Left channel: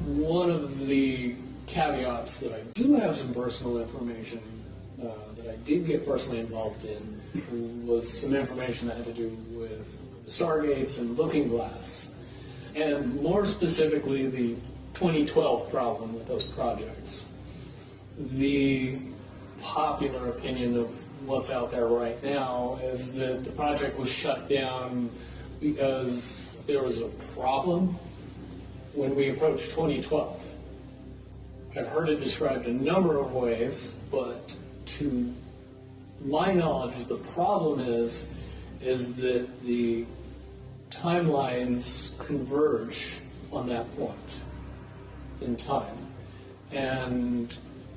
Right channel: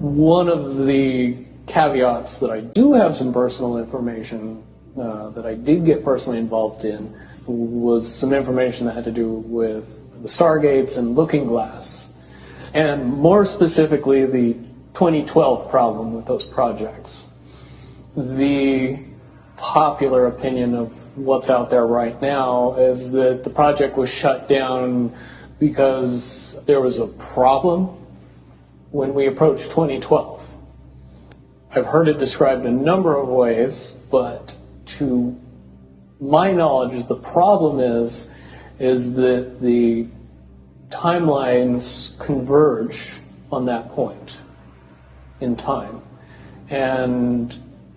One of the caveats that I do have some personal information that I did get personally involved in was some information that had to do with the Stargates and Looking Glass, and more specifically the 2012 problem with those projects. The popular opinion of what's out there right now is that the project was shut down because there was a problem when we approached 2012. I've heard it described a number of ways, but to my knowledge, the problem is that the timelines converge on that point in time. And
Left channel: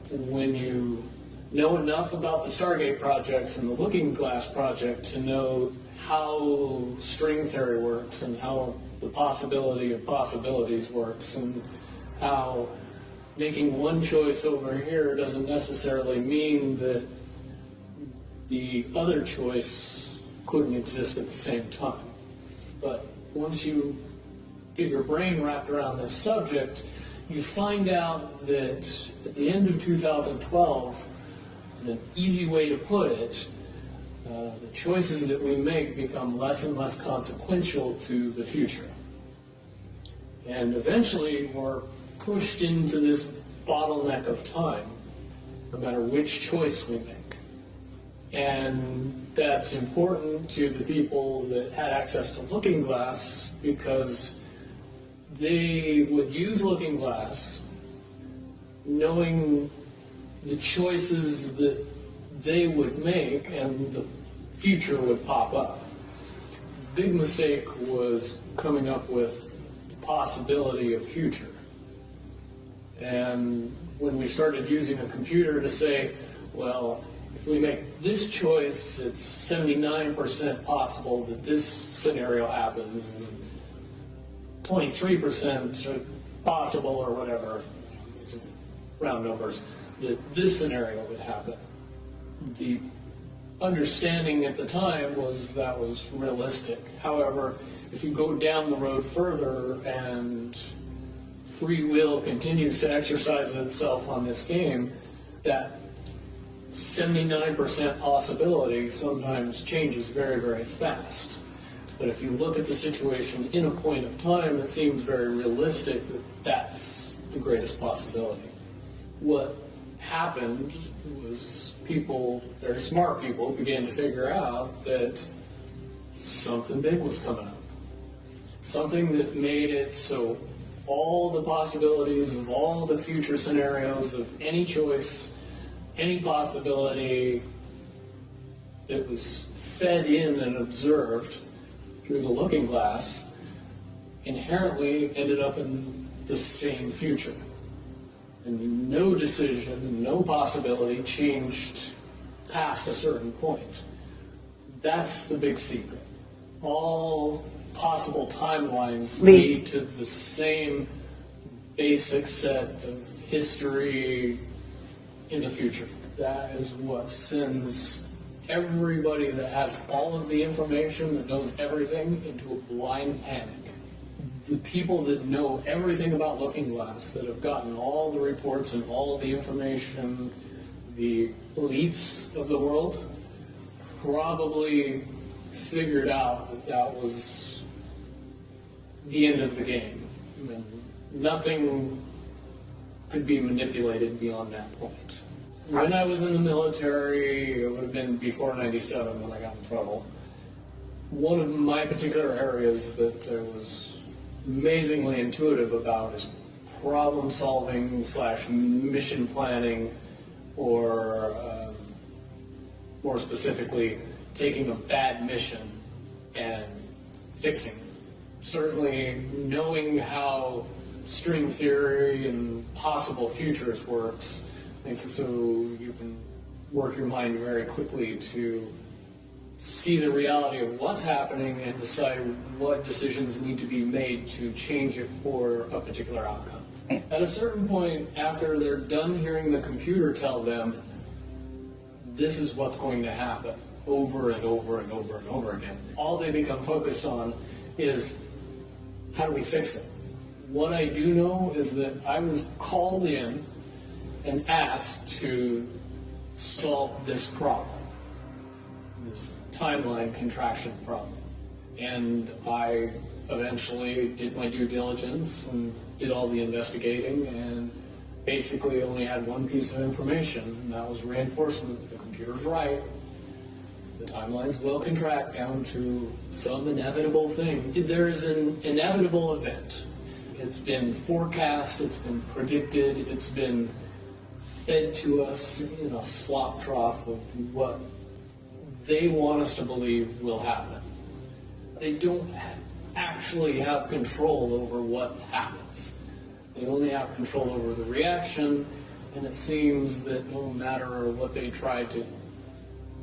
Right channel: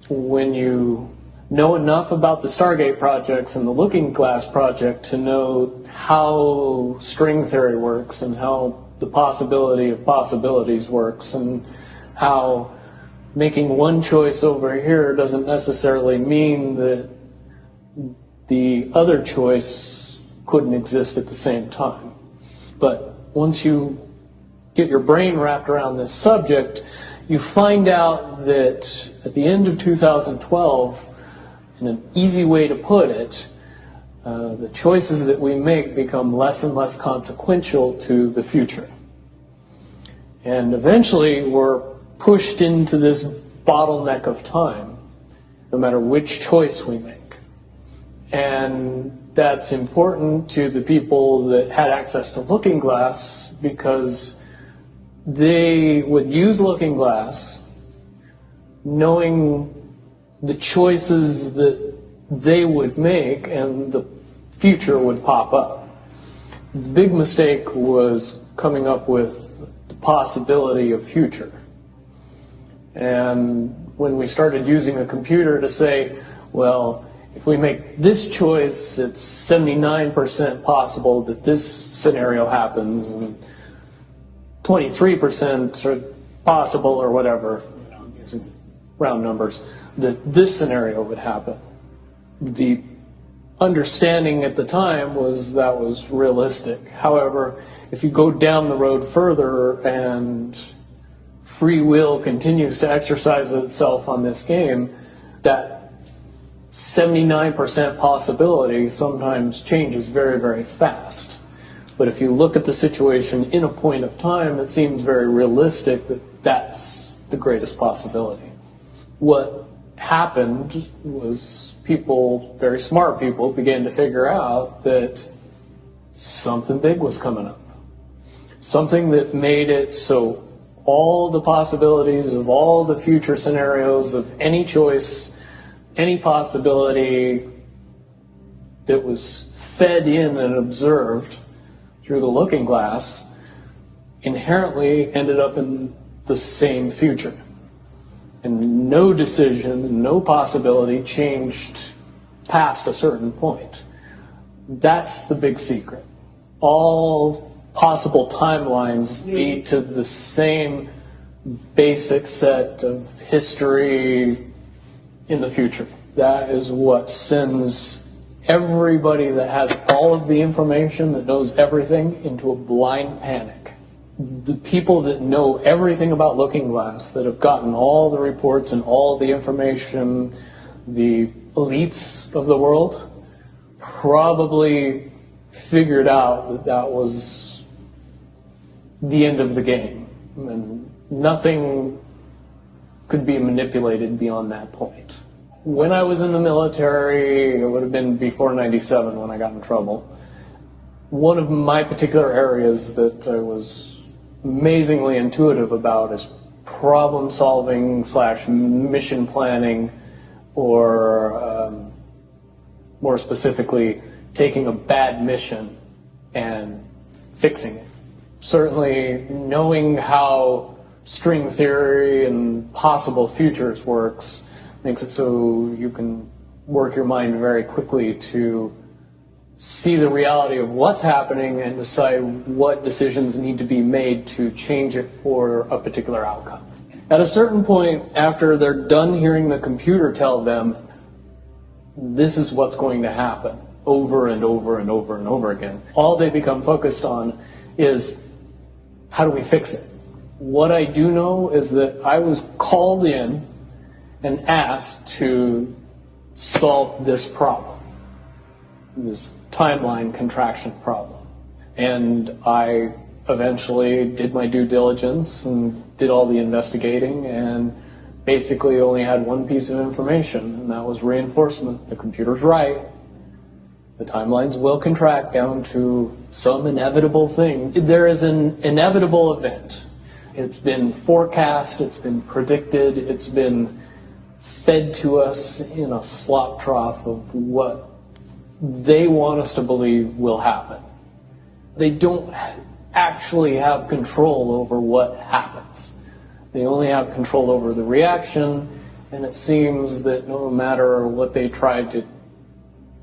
when you know enough about the Stargate projects and the Looking Glass project to know how string theory works and how the possibility of possibilities works and how making one choice over here doesn't necessarily mean that the other choice couldn't exist at the same time. But once you get your brain wrapped around this subject, you find out that at the end of 2012, in an easy way to put it, the choices that we make become less and less consequential to the future. And eventually we're pushed into this bottleneck of time, no matter which choice we make. And that's important to the people that had access to Looking Glass because they would use Looking Glass knowing the choices that they would make and the future would pop up. The big mistake was coming up with the possibility of future. And when we started using a computer to say, well, if we make this choice, it's 79% possible that this scenario happens, and 23% are possible, or whatever, using round numbers, that this scenario would happen. The understanding at the time was that was realistic. However, if you go down the road further and free will continues to exercise itself on this game, that 79% possibility sometimes changes very, very fast. But if you look at the situation in a point of time, it seems very realistic that that's the greatest possibility. What happened was people, very smart people, began to figure out that something big was coming up. Something that made it so all the possibilities of all the future scenarios of any choice, any possibility that was fed in and observed through the Looking Glass inherently ended up in the same future. And no decision, no possibility changed past a certain point. That's the big secret. All possible timelines lead to the same basic set of history in the future. That is what sends everybody that has all of the information, that knows everything, into a blind panic. The people that know everything about Looking Glass, that have gotten all the reports and all the information, the elites of the world, probably figured out that that was the end of the game. And nothing could be manipulated beyond that point. When I was in the military, it would have been before '97 when I got in trouble. One of my particular areas that I was amazingly intuitive about is problem solving / mission planning, or more specifically, taking a bad mission and fixing it. Certainly knowing how string theory and possible futures works makes it so you can work your mind very quickly to see the reality of what's happening and decide what decisions need to be made to change it for a particular outcome. At a certain point, after they're done hearing the computer tell them, this is what's going to happen over and over and over and over again, all they become focused on is, how do we fix it? What I do know is that I was called in and asked to solve this problem, this timeline contraction problem. And I eventually did my due diligence and did all the investigating and basically only had one piece of information, and that was reinforcement. The computer's right. The timelines will contract down to some inevitable thing. There is an inevitable event. It's been forecast, it's been predicted, it's been fed to us in a slop trough of what they want us to believe will happen. They don't actually have control over what happens. They only have control over the reaction, and it seems that no matter what they try to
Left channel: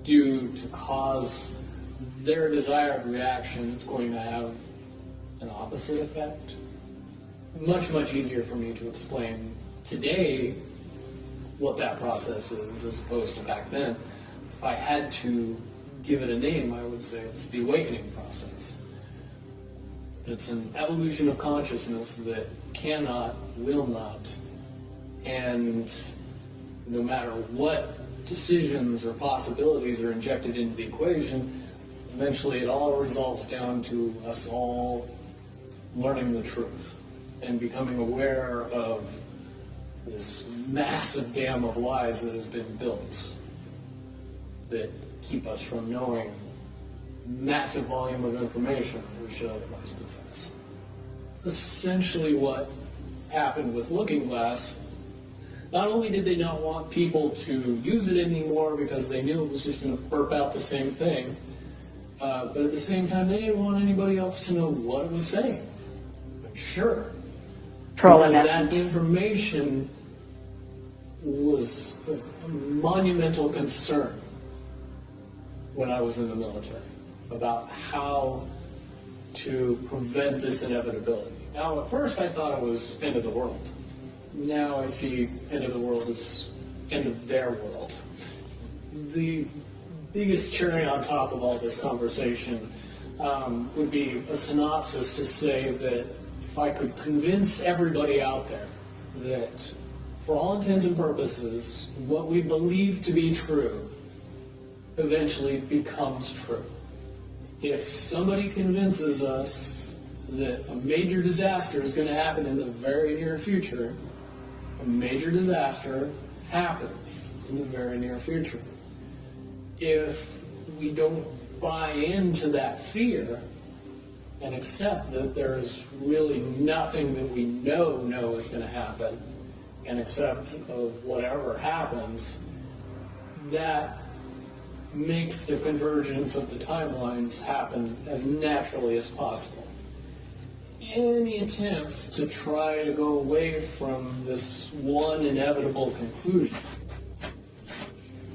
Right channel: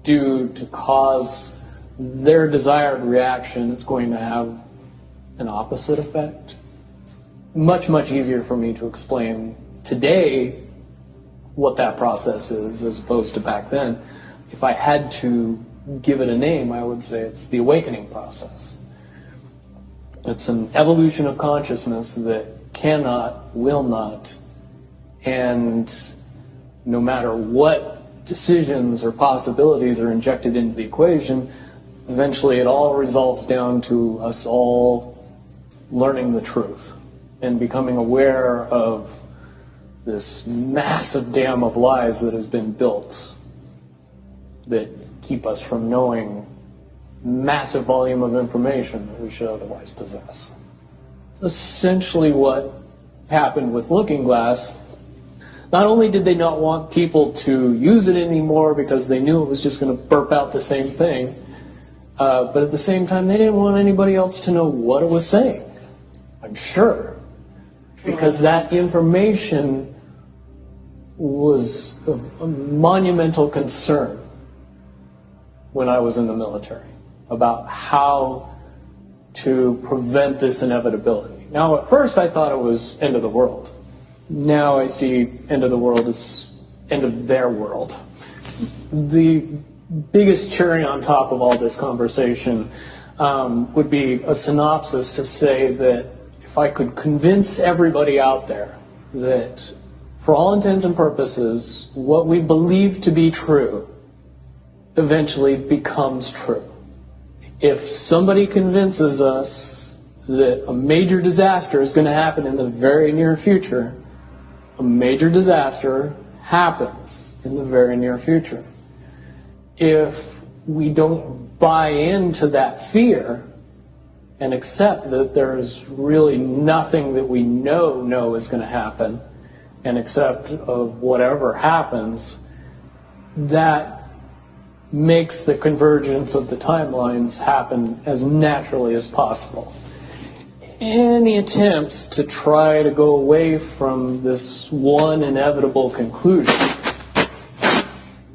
do to cause their desired reaction, it's going to have an opposite effect. Much, much easier for me to explain today what that process is as opposed to back then. If I had to give it a name, I would say it's the awakening process. It's an evolution of consciousness that cannot, will not, and no matter what decisions or possibilities are injected into the equation, eventually it all resolves down to us all learning the truth and becoming aware of this massive dam of lies that has been built that keep us from knowing massive volume of information that we should otherwise possess. Essentially what happened with Looking Glass, not only did they not want people to use it anymore because they knew it was just going to burp out the same thing, but at the same time they didn't want anybody else to know what it was saying, I'm sure. Because that information was a monumental concern when I was in the military about how to prevent this inevitability. Now, at first I thought it was end of the world. Now I see end of the world as end of their world. The biggest cherry on top of all this conversation would be a synopsis to say that if I could convince everybody out there that for all intents and purposes, what we believe to be true eventually becomes true. If somebody convinces us that a major disaster is going to happen in the very near future, a major disaster happens in the very near future. If we don't buy into that fear and accept that there's really nothing that we know is going to happen, and accept of whatever happens, that makes the convergence of the timelines happen as naturally as possible. Any attempts to try to go away from this one inevitable conclusion,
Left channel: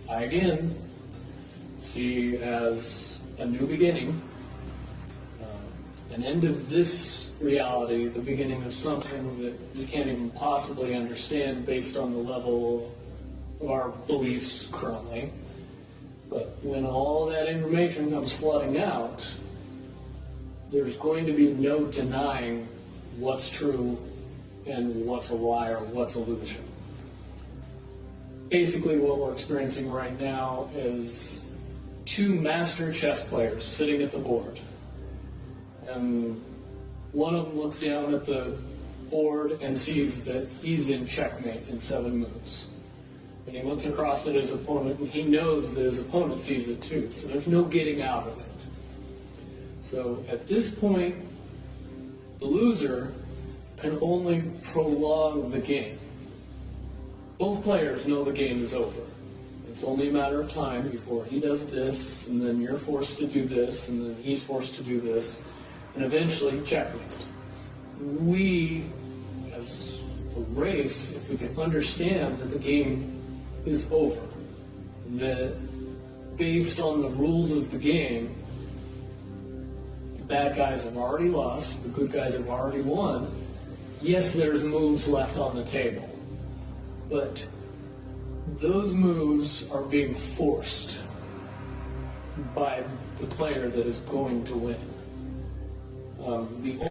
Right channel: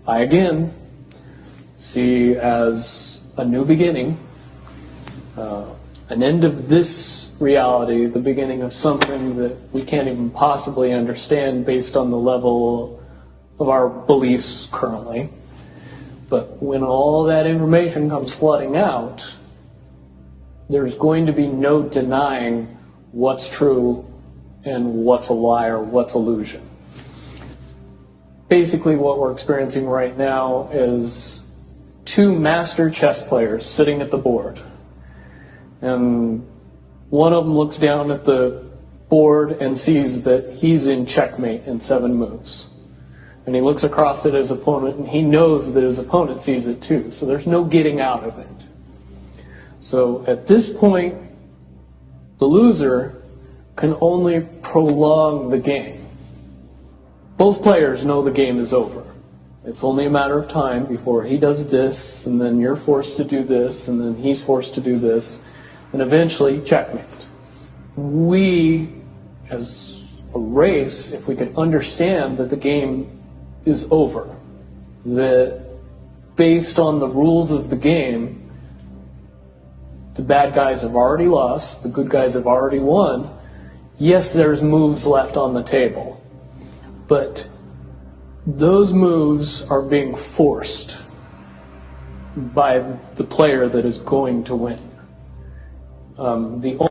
I again see as a new beginning, an end of this reality, the beginning of something that we can't even possibly understand based on the level of our beliefs currently. But when all that information comes flooding out, there's going to be no denying what's true and what's a lie or what's illusion. Basically what we're experiencing right now is two master chess players sitting at the board. And one of them looks down at the board and sees that he's in checkmate in 7 moves. And he looks across at his opponent and he knows that his opponent sees it too. So there's no getting out of it. So at this point, the loser can only prolong the game. Both players know the game is over. It's only a matter of time before he does this, and then you're forced to do this, and then he's forced to do this, and eventually checkmate. We, as a race, if we could understand that the game is over, that based on the rules of the game, the bad guys have already lost, the good guys have already won. Yes, there's moves left on the table, but those moves are being forced by the player that is going to win. The